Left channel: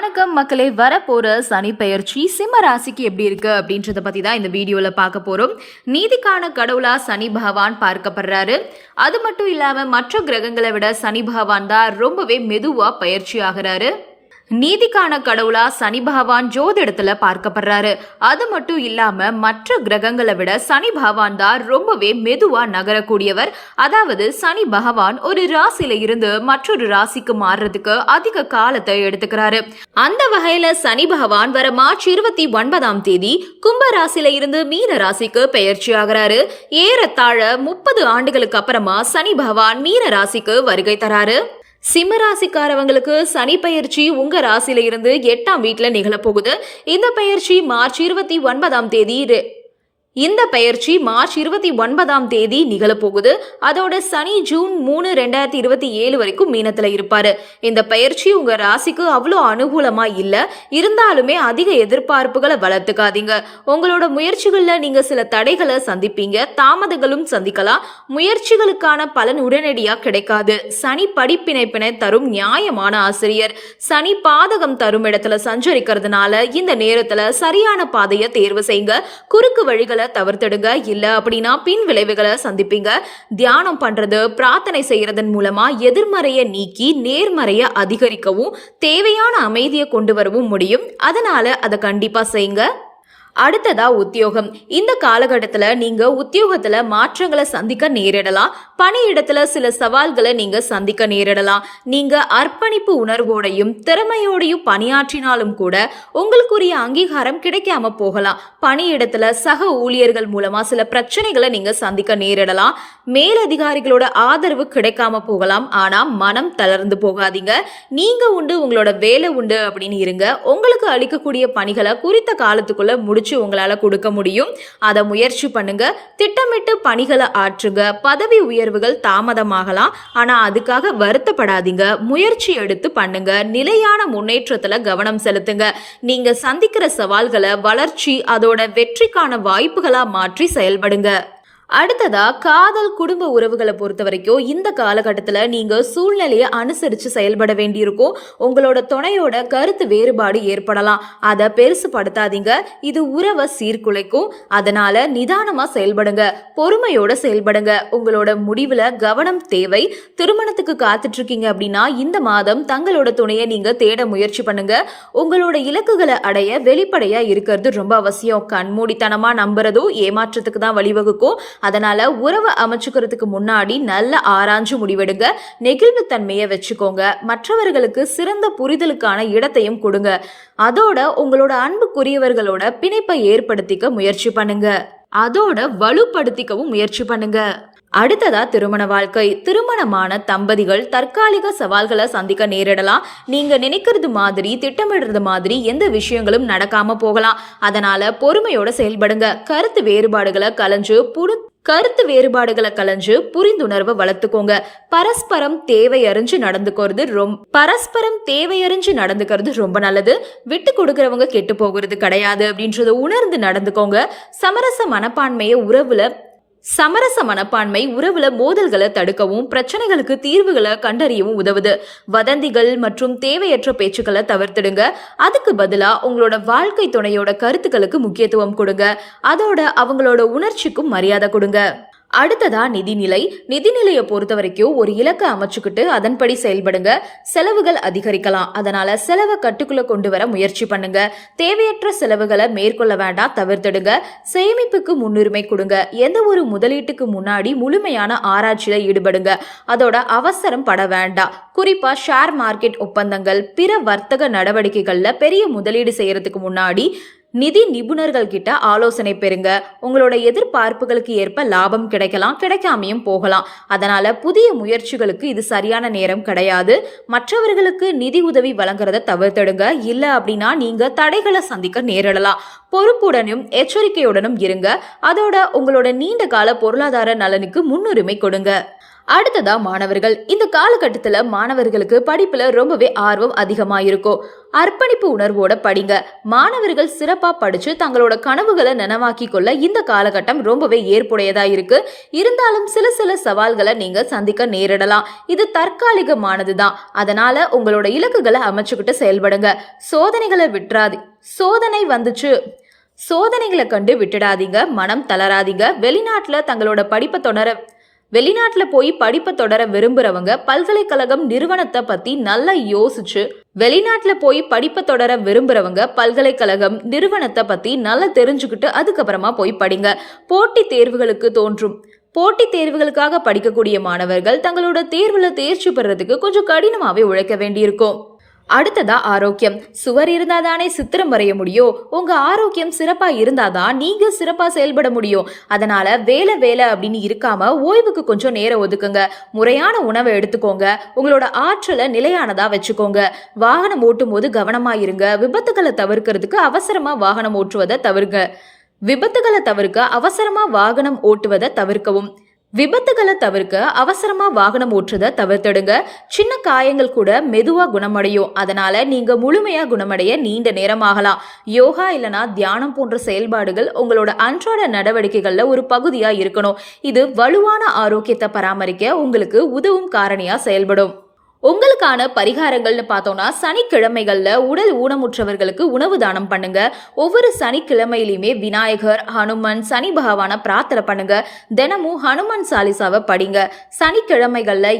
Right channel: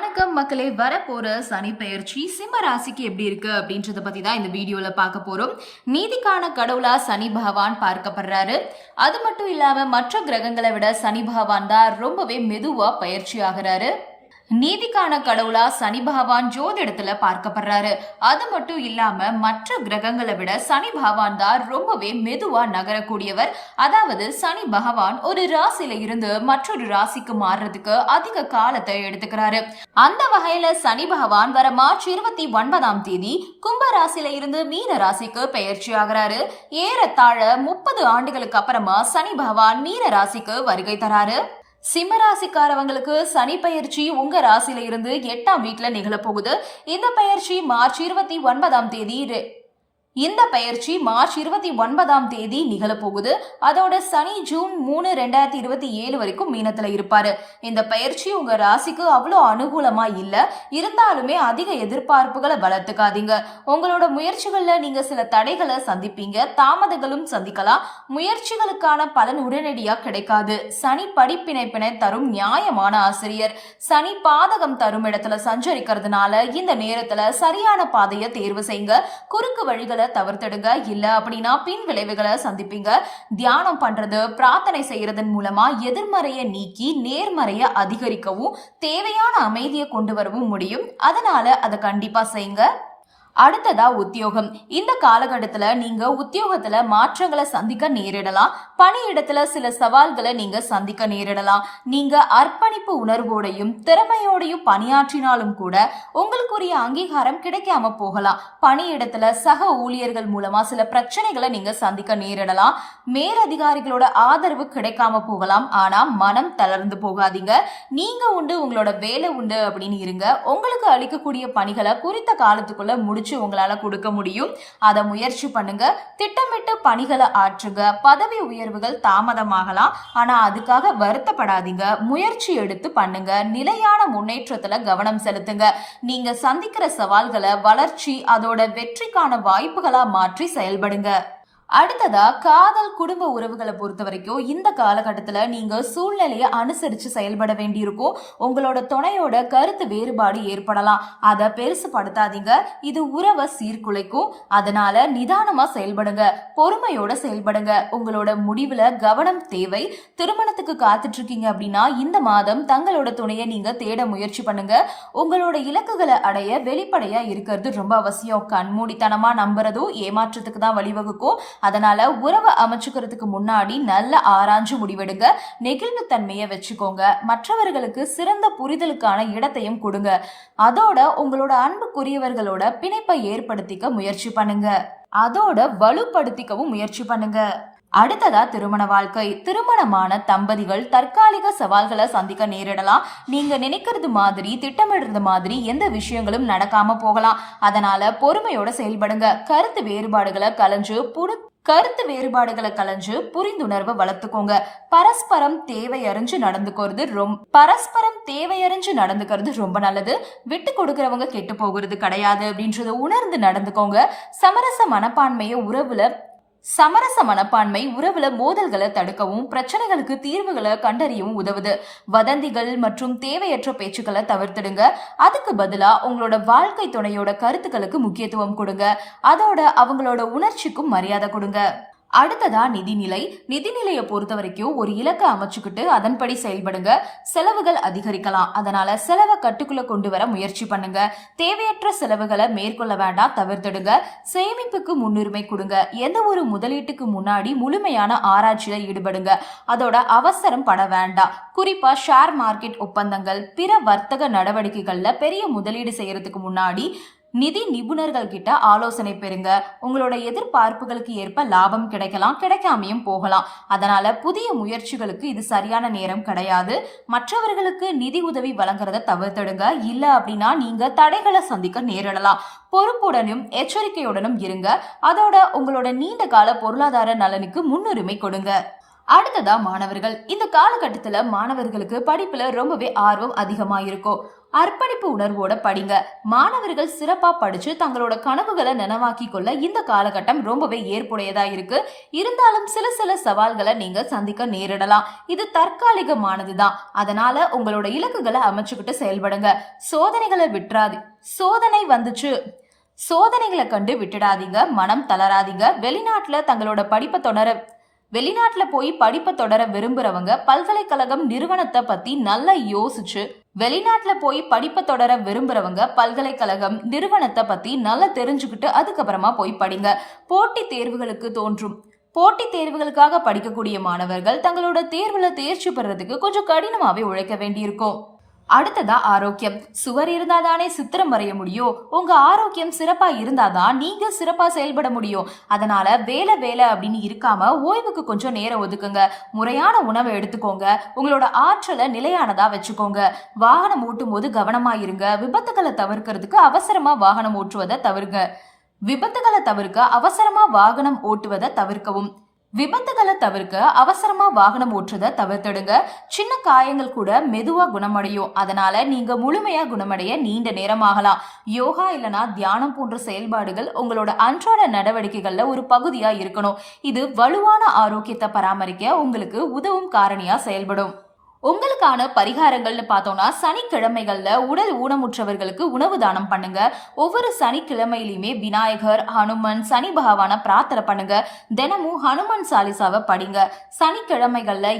வணக்கம் மக்களே, வரப்போற சனி பெயர்ச்சி சிம்ம ராசிக்கு எப்படி இருக்கு அப்படின்றத பத்தி தான் இந்த வீடியோல பார்க்க போறோம். நீதிக்கான கடவுளா சனி பகவான் பார்க்கப்படுறாரு. அது மட்டும் இல்லாம மற்ற கிரகங்களை விட சனி பகவான் தான் ரொம்பவே மெதுவா பயிற்சி ஆகிறாரு. நீதிக்கான கடவுளா சனி பகவான் ஜோதிடத்துல பார்க்கப்படுறாரு. அது மட்டும் இல்லாம மற்ற கிரகங்களை விட சனி பகவான் தான் ரொம்பவே மெதுவா நகரக்கூடியவர். அதாவது சனி பகவான் ஒரு ராசியில இருந்து மற்றொரு ராசிக்கு மாறுறதுக்கு அதிக காலத்தை எடுத்துக்கிறாரு. அந்த வகையில சனி பகவான் வர மார்ச் 29 கும்ப ராசியில இருந்து மீன ராசிக்கு பெயர்ச்சி ஆகிறாரு. ஏறத்தாழ 30 ஆண்டுகளுக்கு அப்புறமா சனி பகவான் மீன ராசிக்கு வருகை தராரு. சிம்ம ராசிக்காரவங்களுக்கு சனி பயிற்சி உங்க ராசியில இருந்து 8ஆம் வீட்டுல நிகழப்போகுது. இந்த பயிற்சி மார்ச் 29 நிகழப்போகுது. அதோட சனி ஜூன் 3, 2027 வரைக்கும் மீனத்துல இருப்பாரு. இந்த பயிற்சி உங்க ராசிக்கு அவ்வளோ அனுகூலமா இல்ல. இருந்தாலுமே அதிக எதிர்பார்ப்புகளை வளர்த்துக்காதீங்க. உங்களோட முயற்சிகள்ல நீங்க சில தடைகளை சந்திப்பீங்க, தாமதங்களும் சந்திக்கலாம். முயற்சிகளுக்கான பலன் உடனடியா கிடைக்காது. சனி படிப்பினைப்பினை தரும் நியாயமான ஆசிரியர். சனி பாதகம் தரும் இடத்துல சஞ்சரிக்கிறதுனால இந்த நேரத்துல சரியான பாதையை தேர்வு செய்யுங்க. குறுக்கு வழிகளை தவிர்த்திடுங்க. இல்ல அப்படின்னா பின் விளைவுகளை சந்திப்பீங்க. தியானம் பண்றது, பிரார்த்தனை செய்யறதன் மூலமா எதிர்மறையை நீக்கி நேர்மறையை அதிகரிக்கவும் தேவையான அமைதியை கொண்டு வரவும் முடியும். அதனால அதை கண்டிப்பா செய்யுங்க. அடுத்ததா உத்தியோகம். இந்த காலகட்டத்துல நீங்க உத்தியோகத்துல மாற்றங்களை சந்திக்க நேரிடலாம். பணியிடத்துல சில சவால்களை நீங்க சந்திக்க நேரிடலாம். நீங்க அர்ப்பணிப்பு உணர்வோடையும் திறமையோடையும் பணியாற்றினாலும் கூட உங்களுக்குரிய அங்கீகாரம் கிடைக்காம போகலாம். பணியிடத்துல சக ஊழியர்கள் மூலமா சில பிரச்சனைகளை நீங்க சந்திக்க நேரிடலாம். மேலதிகாரிகளோட ஆதரவு கிடைக்காம போகலாம். ஆனா மனம் தளர்ந்து போகாதீங்க. நீங்க உண்டு, உங்களோட வேலை உண்டு அப்படின்னு இருங்க. உங்களுக்கு அளிக்கக்கூடிய பணிகளை குறித்த காலத்துக்குள்ள முடிச்சு உங்களால கொடுக்க முடியும். அதை முயற்சி பண்ணுங்க. திட்டமிட்டு பணிகளை ஆற்றுங்க. பதவி உயர்வுகள் தாமதமாகலாம். ஆனா அதுக்காக வருத்தப்படாதீங்க. முயற்சி எடுத்து பண்ணுங்க. நிலையான முன்னேற்றத்துல கவனம் செலுத்துங்க. நீங்க சந்திக்கிற சவால்களை வளர்ச்சி, அதோட வெற்றிக்கான வாய்ப்புகளா மாற்றி செயல்படுங்க. அடுத்ததா காதல், குடும்ப உறவுகளை பொறுத்த வரைக்கும் இந்த காலகட்டத்தில் நீங்க சூழ்நிலையை அனுசரிச்சு செயல்பட வேண்டியிருக்கும். உங்களோட துணையோட கருத்து வேறுபாடு ஏற்படலாம். அதை பெருசுபடுத்தாதீங்க. இது உறவை சீர்குலைக்கும். அதனால நிதானமா செயல்படுங்க. பொறுமையோட செயல்படுங்க. உங்களோட முடிவுல கவனம் தேவை. திருமணத்துக்கு காத்துட்டு இருக்கீங்க அப்படின்னா இந்த மாதம் தங்களோட துணையை நீங்க தேட முயற்சி பண்ணுங்க. உங்களோட இலக்குகளை அடைய வெளிப்படையா இருக்கிறது ரொம்ப அவசியம். கண்மூடித்தனமா நம்புறதும் ஏமாற்றத்துக்கு தான் வழிவகுக்கும். அதனால உறவை அமைச்சுக்கிறதுக்கு முன்னாடி நல்ல ஆராய்ஞ்சு முடிவெடுங்க. நெகிழ்வு தன்மையை வச்சுக்கோங்க. மற்றவர்களுக்கு சிறந்த புரிதலுக்கான இடத்தையும் கொடுங்க. அதோட உங்களோட அன்புக்குரியவர்களோட பிணைப்பை ஏற்படுத்திக்க முயற்சி பண்ணுங்க. அதோட வலுப்படுத்திக்கவும் முயற்சி பண்ணுங்க. அடுத்ததா திருமண வாழ்க்கை. திருமணமான தம்பதிகள் தற்காலிக சவால்களை சந்திக்க நேரிடலாம். நீங்க நினைக்கிறது மாதிரி, திட்டமிடுறது மாதிரி எந்த விஷயங்களும் நடக்காம போகலாம். அதனால பொறுமையோட செயல்படுங்க. கருத்து வேறுபாடுகளை கலைஞ்சு புரிந்துணர்வை வளர்த்துக்கோங்க. பரஸ்பரம் தேவையறிஞ்சு நடந்துக்கிறது ரொம்ப நல்லது. விட்டு கொடுக்கறவங்க கெட்டு போகிறது கிடையாது அப்படின்றத உணர்ந்து நடந்துக்கோங்க. சமரச மனப்பான்மை உறவுல மோதல்களை தடுக்கவும் பிரச்சனைகளுக்கு தீர்வுகளை கண்டறியவும் உதவுது. வதந்திகள் மற்றும் தேவையற்ற பேச்சுக்களை தவிர்த்திடுங்க. அதுக்கு பதிலா உங்களோட வாழ்க்கை துணையோட கருத்துக்களுக்கு முக்கியத்துவம் கொடுங்க. அதோட அவங்களோட உணர்ச்சிக்கும் மரியாதை கொடுங்க. அடுத்ததா நிதிநிலையை பொறுத்த வரைக்கும் ஒரு இலக்கை அமைச்சுக்கிட்டு அதன்படி செயல்படுங்க. செலவுகள் அதிகரிக்கலாம். அதனால செலவை கட்டுக்குள்ள கொண்டு வர முயற்சி பண்ணுங்க. தேவையற்ற செலவுகளை மேற்கொள்ள வேண்டாம், தவிர்த்திடுங்க. சேமிப்புக்கு முன்னுரிமை கொடுங்க. எந்த ஒரு முதலீட்டுக்கு முன்னாடி முழுமையான ஆராய்ச்சியில ஈடுபடுங்க. அதோட அவசரம் பட வேண்டாம். குறிப்பா ஷேர் மார்க்கெட் ஒப்பந்தங்கள், பிற வர்த்தக நடவடிக்கைகள்ல பெரிய முதலீடு செய்யறதுக்கு முன்னாடி நிதி நிபுணர்கள் கிட்ட ஆலோசனை பெறுங்க. உங்களோட எதிர்பார்ப்புகளுக்கு ஏற்ப லாபம் கிடைக்கலாம், கிடைக்காமையும் போகலாம். அதனால புதிய முயற்சிகளுக்கு இது சரியான நேரம் கிடையாது. மற்றவர்களுக்கு நிதி உதவி வழங்குறத தவிர்த்திடுங்க. இல்ல அப்படின்னா நீங்க தடைகளை சந்திக்க நேரிடலாம். பொறுப்புடனும் எச்சரிக்கையுடனும் இருங்க. அதோட உங்களோட நீண்ட கால பொருளாதார நலனுக்கு முன்னுரிமை கொடுங்க. அடுத்ததா மாணவர்கள். இந்த காலகட்டத்துல மாணவர்களுக்கு படிப்புல ரொம்பவே ஆர்வம் அதிகமா இருக்கும். அர்ப்பணிப்பு உணர்வோட படிங்க. மாணவர்கள் சிறப்பா படிச்சு தங்களோட கனவுகளை நனவாக்கி கொள்ள இந்த காலகட்டம் ரொம்பவே ஏற்புடையதா இருக்கு. இருந்தாலும் சில சவால்களை நீங்க சந்திக்க நேரிடலாம். இது தற்காலிகமானதுதான். அதனால உங்களோட இலக்குகளை அமைச்சுக்கிட்டு செயல்படுங்க. சோதனைகளை விட்டுறாது. சோதனை வந்துச்சு, சோதனைகளை கண்டு விட்டுடாதீங்க. மனம் தளராதீங்க. வெளிநாட்டுல போய் படிப்பை தொடர விரும்புறவங்க பல்கலைக்கழகம் நிறுவனத்தை பத்தி நல்லா யோசிச்சு பல்கலைக்கழகம் நிறுவனத்தை பத்தி நல்லா தெரிஞ்சுக்கிட்டு அதுக்கப்புறமா போய் படிங்க. போட்டித் தேர்வுகளுக்காக படிக்கக்கூடிய மாணவர்கள் தங்களோட தேர்வுல தேர்ச்சி பெறறதுக்கு கொஞ்சம் கடினமாவே உழைக்க வேண்டியிருக்கும். அடுத்ததா ஆரோக்கியம். சுவர் இருந்தாதானே சித்திரம் வரைய முடியும். உங்க ஆரோக்கியம் சிறப்பா இருந்தாதான் நீங்க சிறப்பா செயல்பட முடியும். அதனால வேலை அப்படின்னு இருக்காம ஓய்வுக்கு கொஞ்சம் நேரம் ஒதுக்குங்க. முறையான உணவை எடுத்துக்கோங்க. உங்களோட ஆற்றலை நிலையானதா வச்சுக்கோங்க. வாகனம் ஓட்டும் போது கவனமா இருங்க. விபத்துகளை தவிர்க்க அவசரமா வாகனம் ஓட்டுவதை தவிர்க்கவும். அவசரமா வாகனம் ஓட்டுறதை தவிர்த்திடுங்க. சின்ன காயங்கள் கூட மெதுவா குணமடையும். அதனால நீங்க முழுமையா குணமடைய நீண்ட நேரம் ஆகலாம். யோகா இல்லனா தியானம் போன்ற செயல்பாடுகள் உங்களோட அன்றாட நடவடிக்கைகள்ல ஒரு பகுதியா இருக்கணும். இது வலுவான ஆரோக்கியத்தை பராமரிக்க உங்களுக்கு உதவும் காரணியா செயல்படும். உங்களுக்கான பரிகாரங்கள்னு பார்த்தோம்னா, சனிக்கிழமைகள்ல உடல் ஊனமுற்றவர்களுக்கு உணவு தானம் பண்ணுங்க. ஒவ்வொரு சனிக்கிழமையிலுமே விநாயகர், ஹனுமன், சனி பகவான பிரார்த்தனை பண்ணுங்க. தினமும் ஹனுமன் சாலிசாவை படிங்க. சனிக்கிழமைகள்ல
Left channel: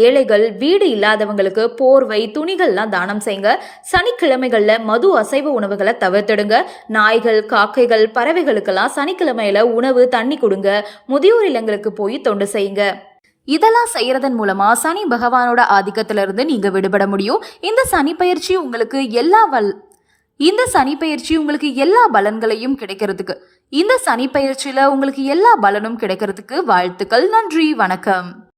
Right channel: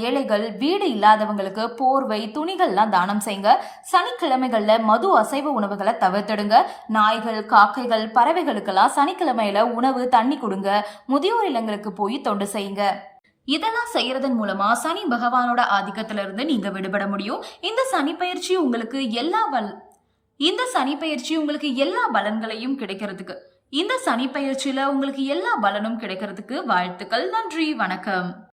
ஏழைகள் வீடு இல்லாதவங்களுக்கு போர்வை, துணிகள்லாம் தானம் செய்யுங்க. சனிக்கிழமைகள்ல மது, அசைவ உணவுகளை தவிர்த்திடுங்க. நாய்கள், காக்கைகள், பறவைகளுக்கெல்லாம் சனிக்கிழமையில உணவு, தண்ணி கொடுங்க. முதியோர் இல்லங்களுக்கு போய் தொண்டு செய்யுங்க. இதெல்லாம் செய்யறதன் மூலமா சனி பகவானோட ஆதிக்கத்திலிருந்து நீங்க விடுபட முடியும். இந்த சனி பயிற்சி உங்களுக்கு எல்லா பலன்களையும் கிடைக்கிறதுக்கு இந்த சனி பயிற்சியில உங்களுக்கு எல்லா பலனும் கிடைக்கிறதுக்கு வாழ்த்துக்கள். நன்றி, வணக்கம்.